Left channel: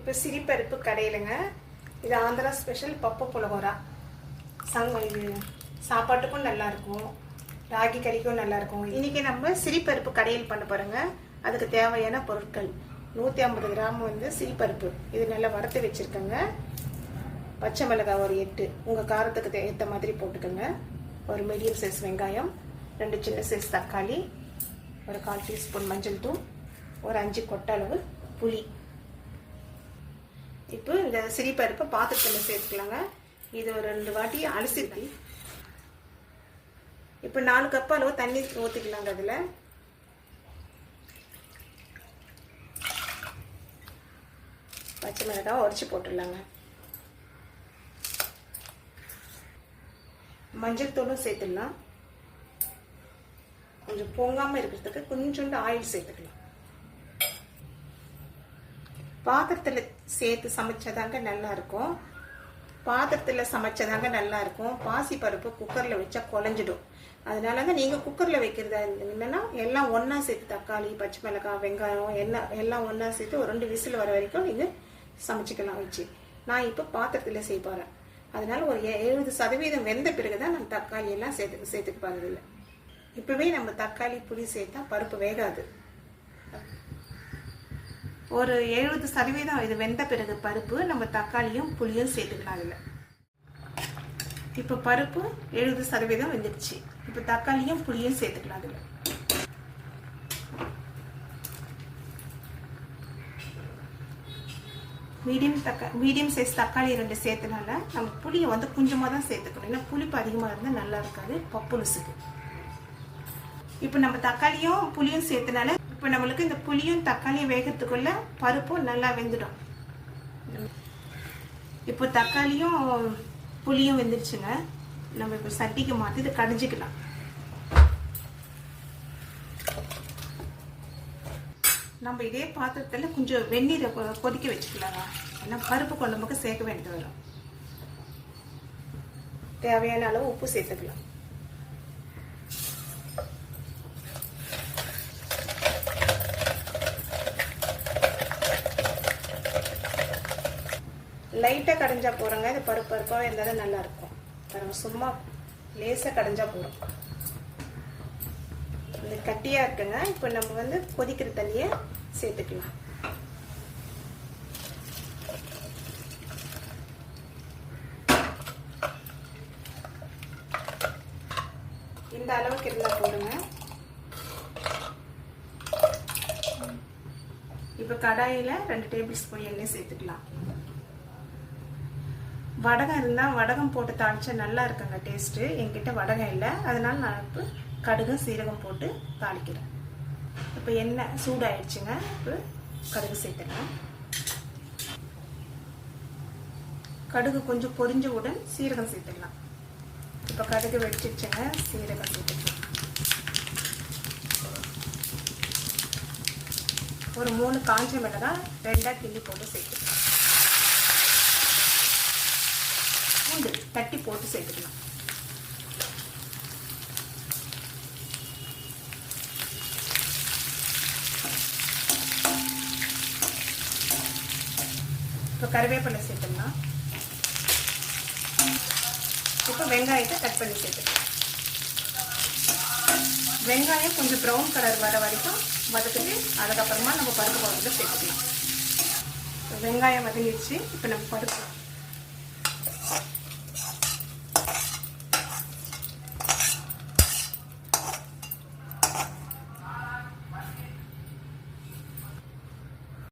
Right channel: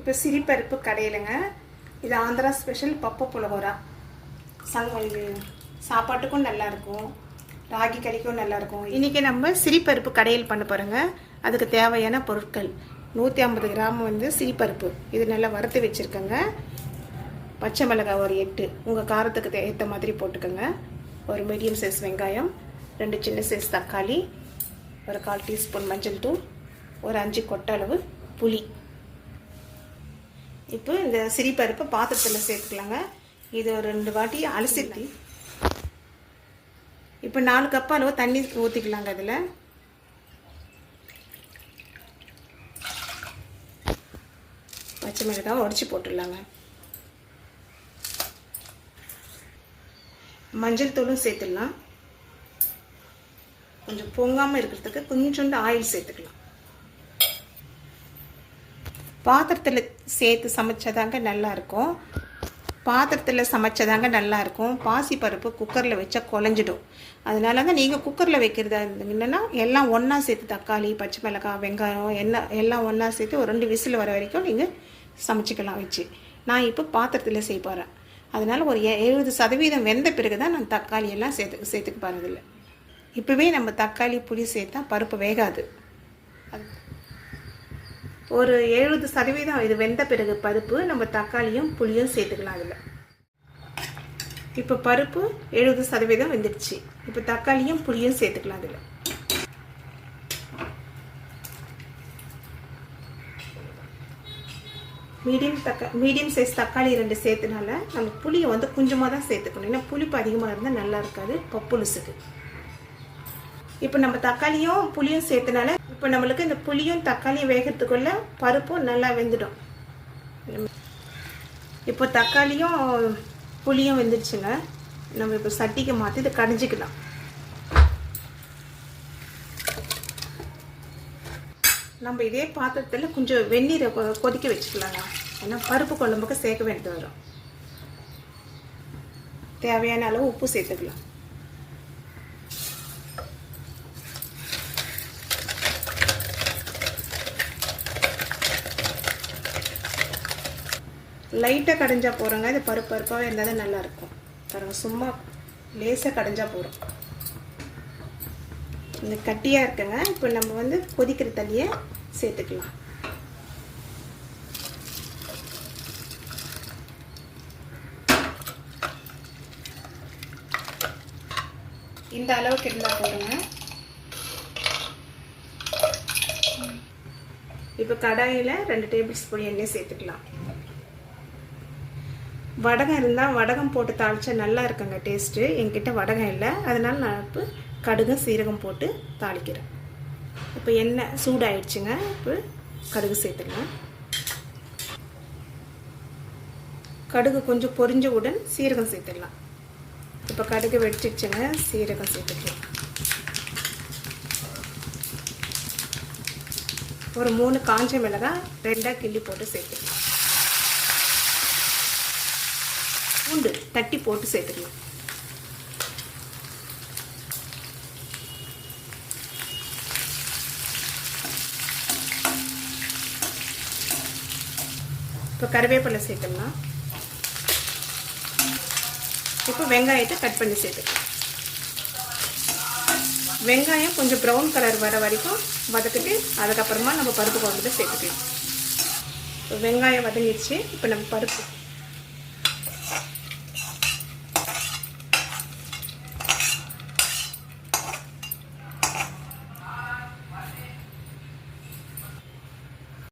இப்போ சிரிப்பருப்பு கடையிலங்க. இது ஆந்திரா ஸ்பெஷல் பப்பு புலகோரா. இது சாப்பாட்டுக்கும் நல்லாயிருக்கும், ராகி கறிக்கும் நல்லாயிருக்கும். இன்றைக்கி நம்ம சிரிப்பருப்பு கடையில் பண்ண போகிறோங்க. அதுக்கு தேவையான பொருட்கள் 150 கிராம் சிரிப்பருப்பு, இது நல்லா வறுத்து வச்சுருக்கேங்க. பச்சை மிளகாய் ஒரு 8, உங்கள் காரத்துக்கு ஏற்ற மாதிரி போட்டுக்கோங்க. ஒரு மீடியம் சைஸ் வெங்காயம், 2 சின்ன சைஸ் தக்காளி, ஒரு 1/4 டீஸ்பூன் மஞ்சள் தூள், ஒரு 5 கொட்டை அளவு புளி. இப்போ இந்த சிரிப்பருப்பை பாத்திரத்தில் சேர்த்துக்கலாங்க. இது ஒரு 2 வாட்டி அலசிட்டு இப்போ 4 கப் அளவு தண்ணி ஊற்றிக்கலாங்க. அதில் பச்சை மிளகாய் உடச்சி போட்டுடலாங்க. மஞ்சள் தூளும் சேர்த்துடலாம். கொஞ்சம் பொங்காமல் இருக்கிறதுக்கு கொஞ்சோண்டு ஆயில் சேர்த்துக்கலாம். பாத்திரத்தில் சேர்த்து சமைச்சதாங்க நல்லாயிருக்கும். பாசி பருப்பு குக்கரில் வச்சா குழஞ்சிடும். அதனால தான் நீங்கள் குக்கரில் வைக்கிறதா இருந்தீங்கன்னா எல்லாம் ஒன்றா சேர்த்து தக்காளி, பச்சை மிளகாய், வெங்காயம் எல்லாம் ஒன்றா சேர்த்து ஒரு 2 விசில் வர வரைக்கும் நீங்கள் சமைச்சிக்கலாம் வச்சு. நான் இப்போ பாத்திரத்தில் செய்ய போகிறேன். அதனால் ஒரு 70% வெந்த பிறகு தான் நான் தக்காளி எல்லாம் சேர்த்துக்க போகிறதில்ல. இப்போவே நம்ம தக்காளி புளி சேர்த்தா பருப்பு வேகாது. ஒரு 70% இது வெந்த பிறகு பருப்பு நம்ம தக்காளியும் புளியும் சேர்த்துக்கலாம். அதில் இப்போ பருப்பு 70% வெந்துடுச்சு. இப்போ தக்காளியும் புளியும் சேர்த்துக்கலாம். அதில் மீடியம் சைஸ் தக்காளி 2 சேர்த்தனால நம்ம புளியை கொஞ்சமாக தான் சேர்த்துக்கணும். ஏன்னா புளிப்பு அதிகமாக இருந்தால் நல்லா இருக்காது பப்புலுசுக்கு. இப்போ நம்ம தக்காளியும் புளியும் சேர்த்தனால இப்போ நம்மளுக்கு இந்த புளியும் தக்காளியும் வேகிறதுக்குள்ள பருப்பும் நல்லா வெந்துடும். இப்போ தக்காளியும் புளியும் வெந்துடுச்சுங்க. நம்ம இப்போ சட்டிக்கு மாற்றி இதை கடைஞ்சிக்கலாம். நம்ம இதே பாத்திரத்தில் கொஞ்சம் வெந்நீரை கொதிக்க வச்சுக்கலாங்க. ஆனால் பருப்பு குழம்புக்கு சேர்க்க வேண்டியது வரும். தேவையான அளவு உப்பு சேர்த்துக்கலாம். லைட்டாக கடைஞ்சா போகிறோங்க. இது பருப்பாகவே இருந்தால் தான் நல்லாயிருக்கும். பாருங்க, சும்மா லேசாக கடைஞ்சா போகிறோம். இந்த கட்டியாக இருக்குங்க. இப்போ நம்ம கொதிக்கிற தண்ணியை சேர்த்துக்கலாம். இந்த அளவுக்கு இருந்தால் போடுங்க. இப்போ கடாயில் 2 டேபிள் ஸ்பூன் எண்ணெய் சேர்த்துக்கலாம். வடகம் இருந்தால் வடகம் போட்டு தாளிச்சா நல்லா இருக்குங்க டேஸ்ட்டு. என்கிட்ட வடகம் இல்லை, அதனால நான் இப்போ கடுகு சீரகம் போட்டு தாளிக்கிறேன். இப்போ எண்ணெய் சூடாயிடுச்சுங்க. இப்போ கடுகு சேர்த்துக்கலாம். கடுகு கொஞ்சம் பொரிஞ்சவுடன் சீரகம் சேர்த்துக்கலாம். இப்போ கடுகு வெடிச்சிடுச்சுங்க, சீரகம் சேர்த்துக்கலாம். ஒரு 3 காஞ்ச மிளகாய் 2ஆக கிள்ளி போட்டு சேர்த்துக்கலாம். பூண்டு தட்டி போட்டு சேர்த்துக்கலாம். இப்போ கருவேப்பிலை சேர்த்துக்கலாம். இப்போ வெங்காயத்தை கட் பண்ணி சேர்த்துக்கலாம். வெங்காயம் கொஞ்சம் ப்ரௌன் கலர் வர வரைக்கும் வதக்கிட்டு அதுக்கப்புறமா நம்ம பருப்பு குழம்புல சேர்த்துக்கலாம். வெங்காயம் வதங்கிடுச்சு. இப்போ நம்ம பருப்பு